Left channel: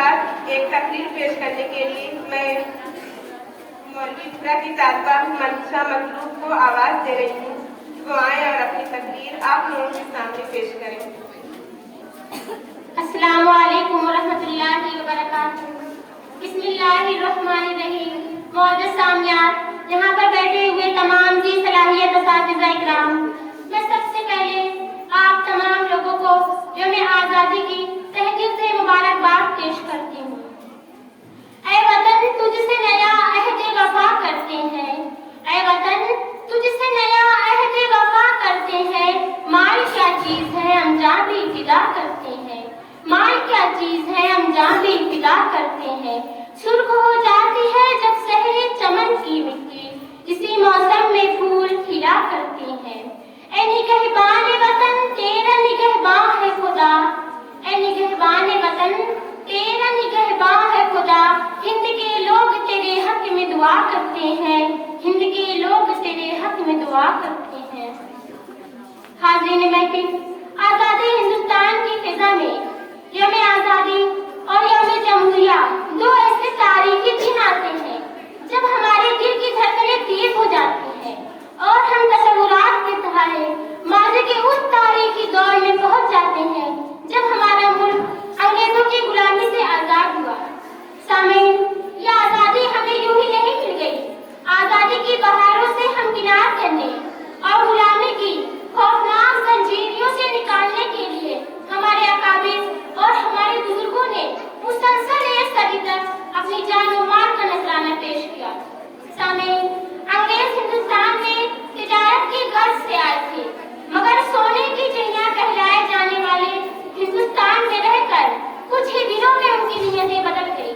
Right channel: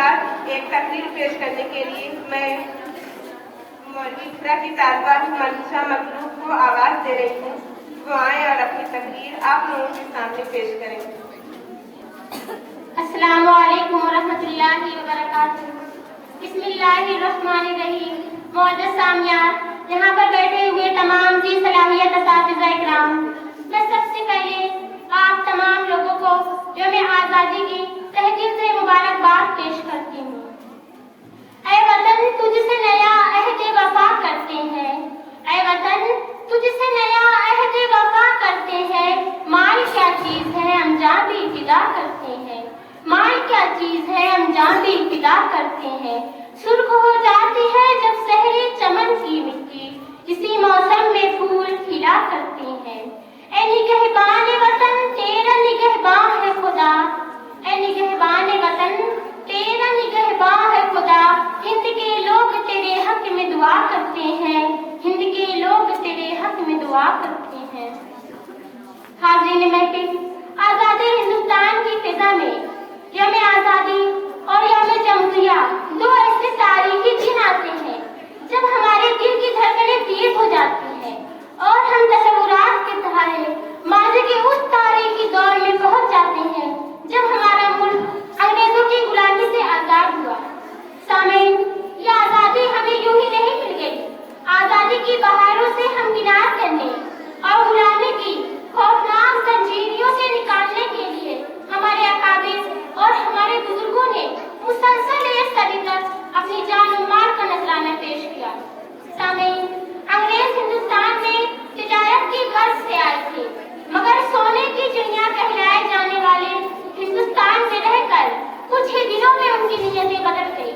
बाद एक तकरीर पेश करने के लिए मैं मौलवीपुरा की तालिबा मंशा मखलूक को आवाज दे रही हूँ। वो आए और अपनी तकरीर आप लोगों के सामने पेश करें। अस्सलामु अलैकुम वरहमतुल्लाहि वबरकातुहू। बिस्मिल्लाहिर्रहमानिर्रहीम। मौजूद सामियात, यहाँ पर बैठे हुए तमाम जी सलाहियत असातिज़ा इकराम, मैं सबसे पहले आप तमाम लोगों को यौम आज़ादी की तहे दिल से मुबारकबाद पेश करती हूँ। ऐ वतन तुझसे नया अहद वफा करते हैं, ऐ वतन तुझसे नया अहद वफा करते हैं। माल क्या चीज है अंजाम भी इब्तिदा करते हैं, माल क्या चीज है अंजाम भी इब्तिदा करते हैं। सुर्ख हो जाती है जब सहरे चमन की मिट्टी, इसी मौसम में फूल खिला करते हैं। ऐ निगहबान वतन तेरा निगहबान है खुदा, ऐ निगहबान वतन तेरा निगहबान है खुदा। हिंद के लोग तेरे हक में दुआ करते हैं, हिंद के लोग तेरे हक में दुआ करते हैं। हाज़रीन महफिल, आज़ादी हिंदुस्तान की फिजा में यौम आज़ादी और यौम जमहूरिया दो ऐसे तारीखी दिन आते हैं जब हमारे दिल की धड़कनें तेज हो जाती हैं और हम तसव्वुरात के सहारे माज़ी के उस तारीखी दौर में पहुंच जाते हैं जब हमारा मुल्क अंग्रेजों की गुलामी से आजाद हुआ। सामीन, ये आजादी हमें यूं ही नहीं मिल गई। आजादी की बहारों से हम किनार करने और गुलामी की खौफनाक जंजीरों से निकालने के लिए हमारे अकाबिर और हमारे बुजुर्गों ने मुसलसल एक सदी तक अपनी जान और माल का नजराना पेश किया। सामीन, अंग्रेज हिंदुस्तान में तिजारत की गर्ज से आए थे, मगर सोने की चिड़िया कहलाए जाने वाले हिंदुस्तान में रहकर कुछ ही दिनों में उनकी नीयतें बदल गई।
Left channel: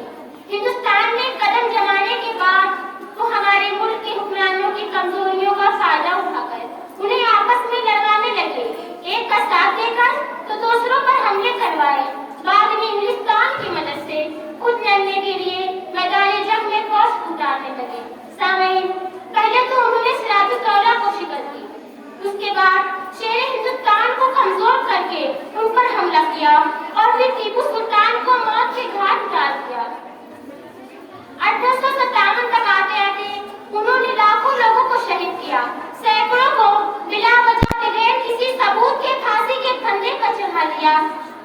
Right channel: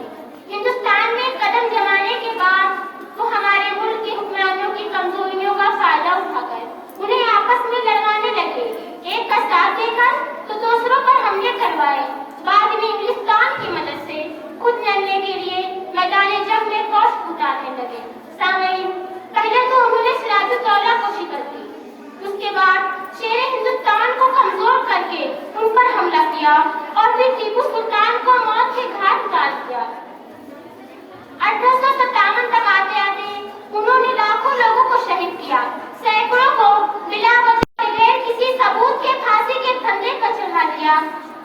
हिंदुस्तान में कदम जमाने के बाद वो हमारे मुल्क के हुक्मरानों की कमजोरियों का फायदा उठाकर उन्हें आपस में लड़वाने लगे। एक का साथ देकर तो दूसरों पर हमले करवाए। बाद में इंग्लिस्तान की मदद से खुद लड़ने के लिए मैदान जंग में फौज उतारने लगे। सामीन, पहले तो उन्होंने सिराजुद्दौला को शिकस्त दी, उसके बाद शेर हिंदुस्तान को कमजोर करके उन पर हमला किया और फिर टीपू सुल्तान को मौत के घाट उतार दिया। 1857 तक आते आते उन्होंने लाखों लोगों को शहीद किया, सैकड़ों को बिला वजह बगैर किसी सबूत के फांसी के फंदे पर चढ़ा लिया।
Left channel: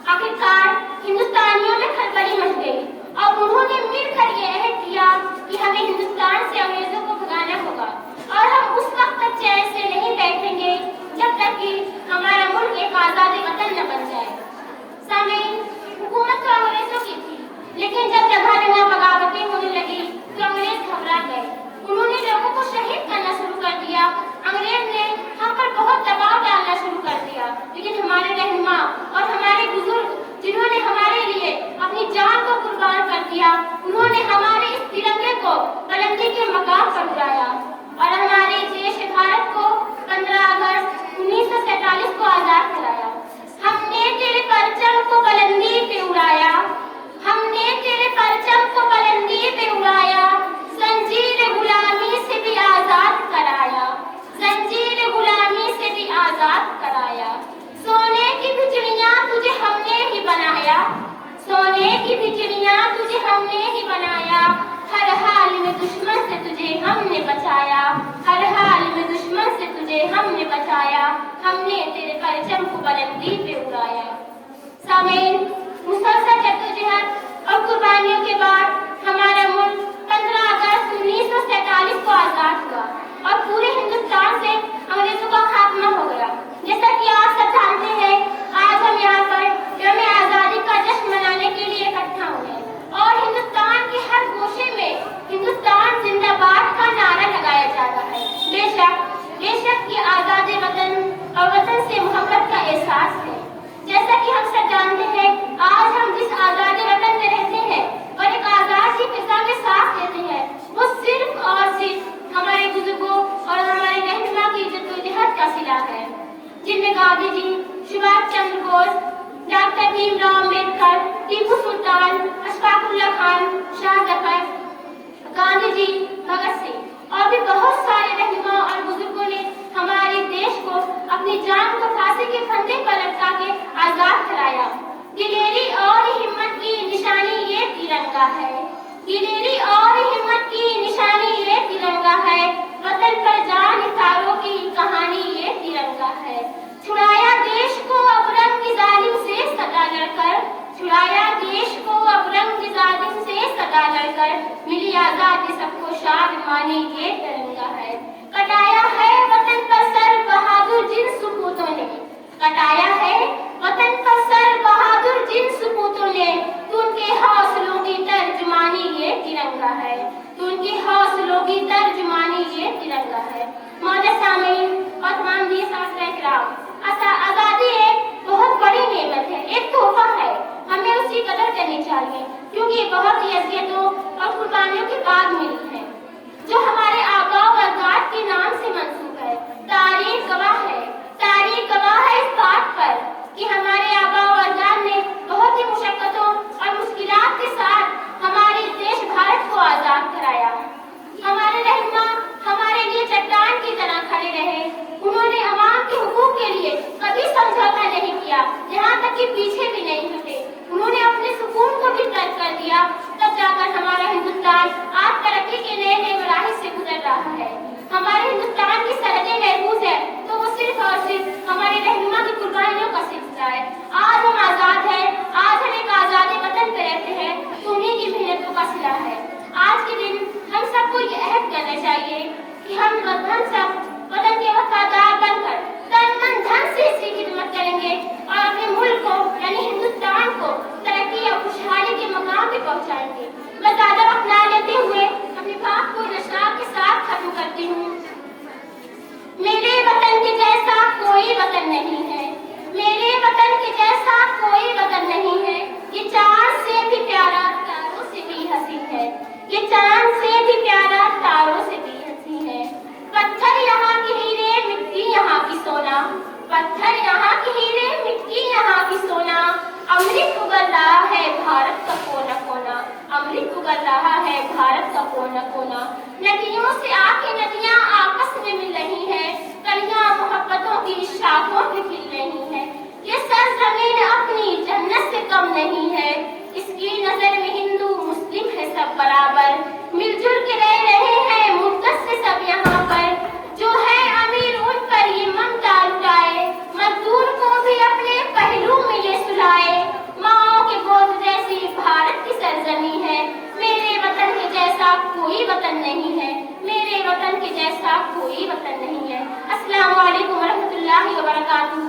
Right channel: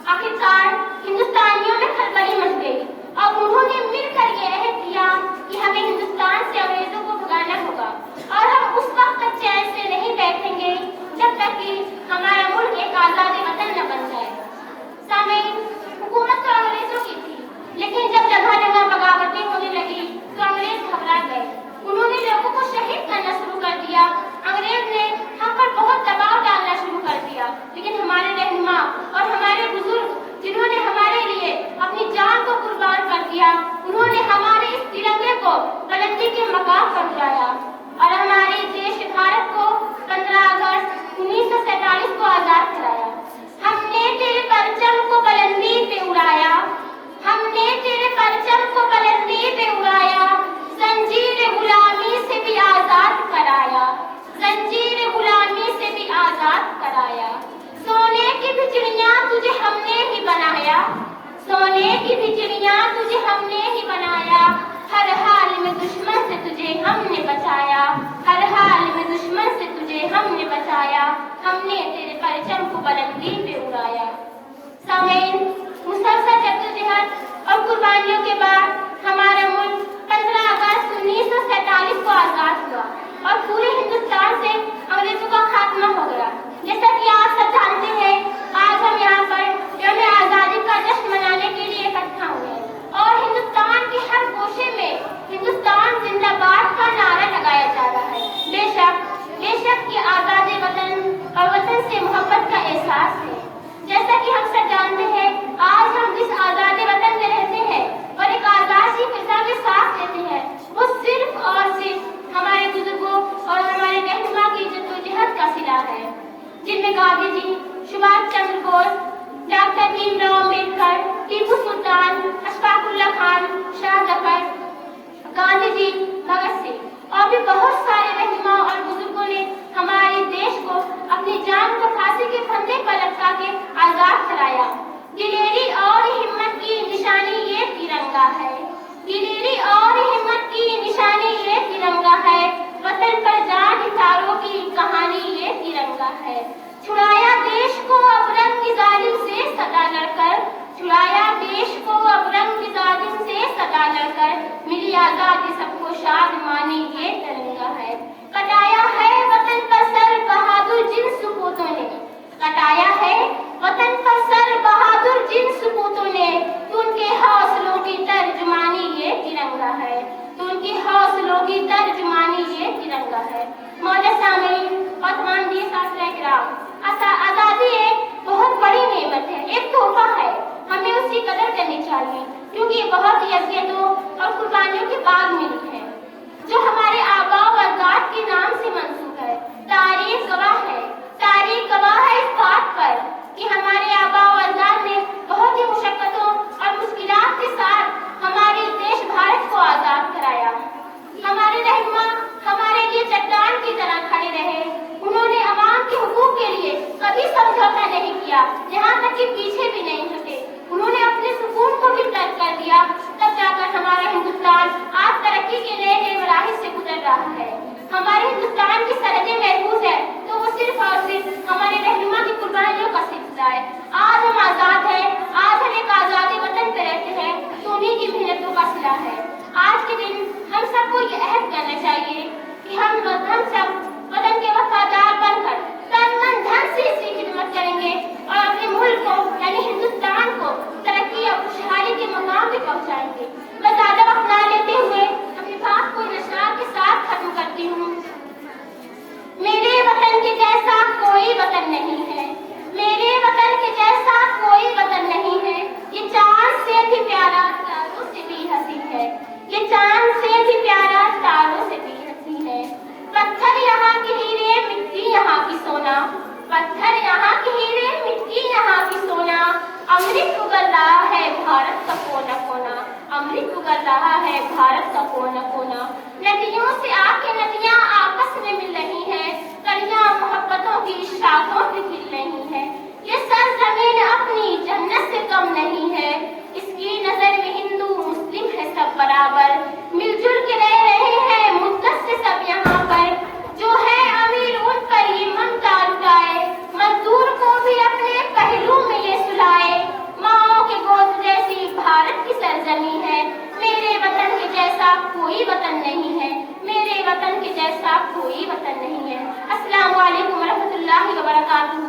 आखिरकार हिंदुस्तानियों में खलबली मच गई और उन्होंने मिलकर ये अहद किया कि हमें हिंदुस्तान से अंग्रेजों को भगाना होगा और हम उस वक्त तक चैन से नहीं बैठेंगे जब तक कि हमारा मुल्क एक आजाद वतन न बन जाए। सामीन, हुकूमत तो अंग्रेजों की थी, लेकिन जब जगह जगह बगावतें होने लगी तो अंग्रेज घबरा गए। उन्होंने लोगों को शहीद करना शुरू कर दिया। अंग्रेज ने हम पर बहुत दबाव डालना शुरू कर दिया, लेकिन हमारे रहनुमा और हमारे बुजुर्ग जिन्होंने हमारे लिए अपनी जान को कुर्बान कर दिया, उन्होंने हमारे इस तिरंगे को बुलंदी के मकाम पर उठाया और हमारे देश भारत को 15 अगस्त 1947 को आजाद कराया। हमने तेरे परचम को बुलंदी पे उड़ाया, हमने तेरे परचम को बुलंदी पे उड़ाया। जंजीर गुलामी से भी आजाद कराया, जंजीर गुलामी से भी आजाद कराया। सोने की भी चिड़िया तुझे हमने ही बनाया, सोने की भी चिड़िया तुझे हमने ही बनाया। हर हाल में दुश्मन से तुझे हमने बचाया, हर हाल में दुश्मन से तुझे हमने बचाया। हमने तेरे परचम को बुलंदी पे उड़ाया। सामीन, मुसलसल जद्दोजहद और कुर्बानियों के बाद हमारा मुल्क 15 अगस्त 1947 को आजाद हुआ और पूरे हिंदुस्तान से अंग्रेजों का खात्मा हो गया। जैसा कि आप सब जानते हैं, आज हम यहाँ पर यौम आजादी का जश्न मनाने के लिए इकट्ठा हुए और हिंदुस्तान के हर गोशे में हिंदुस्तान जिंदाबाद का नारा लगाया जा रहा है। बेशक ये आजादी वतन और वतन से मोहब्बत का एहसास है। जैसा कि हम सब जानते हैं, आज हम जिस आजादी वतन में रहते हैं और एक आजादी फिजा में सांस लेते हैं, वो सिर्फ और सिर्फ हमारे बुजुर्गों और हमारे रहनुमा की जद्दोजहद का सिला है, जिनमें गांधी जी, सुभाष चंद्र बोस, डॉक्टर भीमराव अम्बेडकर, टीपू सुल्तान, अशफाकुल्लाह खान, शाह जफर, गांधी जी, भगत सिंह और भी बहुत सारे रहनुमा और बुजुर्गों ने हमारे देश को अपनी जान को फांसी के फंदे पर लटका के आजाद कराया। दिलेरी और हिम्मत की निशानी ये तिरंगा है। दिलेरी और हिम्मत की निशानी ये तिरंगा है। वतन पर जान निथारों की कहानी ये तिरंगा है। छुड़ाया देश को अब रंग जालिम से सदा लड़कर, छुड़ाया देश को अब रंग जालिम से सदा लड़कर, मिली आजादी सबको शाद मानी ये तिरंगा है। कटाया है वतन पर सर बहादुर जिन सपूतों ने, कटाया है वतन पर सर बहादुर जिन सपूतों ने, तो उनके हौसलों की तर्जुमानी ये तिरंगा है, तो उनके हौसलों की तर्जुमानी ये तिरंगा है। मौला सामीन और तमाम दिए साथ किराम, आजादी एक बहुत बड़ी नेमत है, एक तोहफा है, हमें उसकी कदर करनी चाहिए, क्योंकि ये बहुत ही अज़ियतों और कुर्बानियों के बाद मिली है, जो हमारे आबा व अजदाद के नाम से मंसूब है। तारीख गवाह है, तारीख गवाह है इस बात पर कि हमारे आबा व अजदाद ने बहुत ही मुशक्कतों और मुश्किलात के साथ हमारे देश भारत को आजाद कराया। हमारे रहनुमा हमारे लिए चट्टान की तरह खड़े रहे, उन्होंने अवाम के हुकूक के लिए कभी समझौता नहीं किया, यहाँ तक कि पीछे भी नहीं हटे। उन्होंने अपने सुकून को भी तर्क कर दिया, तब जाकर हमारा हिंदुस्तान आज तरक्की के नए मराहिल से गुजर रहा है। हमारे हिंदुस्तान की सरहदें महफूज है तो वो सिर्फ और सिर्फ हमारे रहनुमा की कुर्बानियों का सिलसिला है। आज हम आजाद हैं, आज हम एक आजाद वतन पे रहते हैं, तो उन्हीं की मेहनतों का सिला है। आज के दिन हम सबको ये अहद करना चाहिए कि हम सब वतन के वफादार बनकर तन मन धन से इसकी खिदमत करेंगे और अपने मुल्क को यानी हिंदुस्तान को तरक्की और खुशहाली के मकाम पे पहुंचाएंगे। मैं ज्यादा वक्त ना लेते हुए अपनी बात को नशा के साथ खत्म करती हूँ। मेरे वतन के जैसा कोई वतन नहीं है, मेरे वतन के जैसा कोई वतन नहीं है, ये चांद से भी प्यारा तारों से भी हंसी है, ये चांद से भी प्यारा तारों से भी हंसी है। पत्थर यहाँ के हीरे मिट्टी यहाँ की सोना, पत्थर यहाँ के हीरे मिट्टी यहाँ की सोना, अमृत उगल रहा है भारत का कोना कोना, अमृत उगल रहा है भारत का कोना कोना। नदियों से आके नदियाँ आपस में मिल रही हैं, कलियाँ मोहब्बतों की शाखों पे खिल रही हैं। ये सरजमीन अपनी जन्नत से कम नहीं है, इसकी नजर में हिंदू मुस्लिम है सब बराबर, मिलजुल के रह रहे हैं मुद्दत से सब यहाँ पर। जो है अमीर उन पर ये ममता लुटाए, मजदूर को भी अपने पहलू में ये सुलाए। माओ के गोद जैसी भारत की सरजमी है, मेरे वतन के जैसा कोई वतन नहीं है, मेरे वतन के जैसा कोई वतन नहीं है। अस्सलामु अलैकुम व रहमतुल्लाहि व बरकातुहू।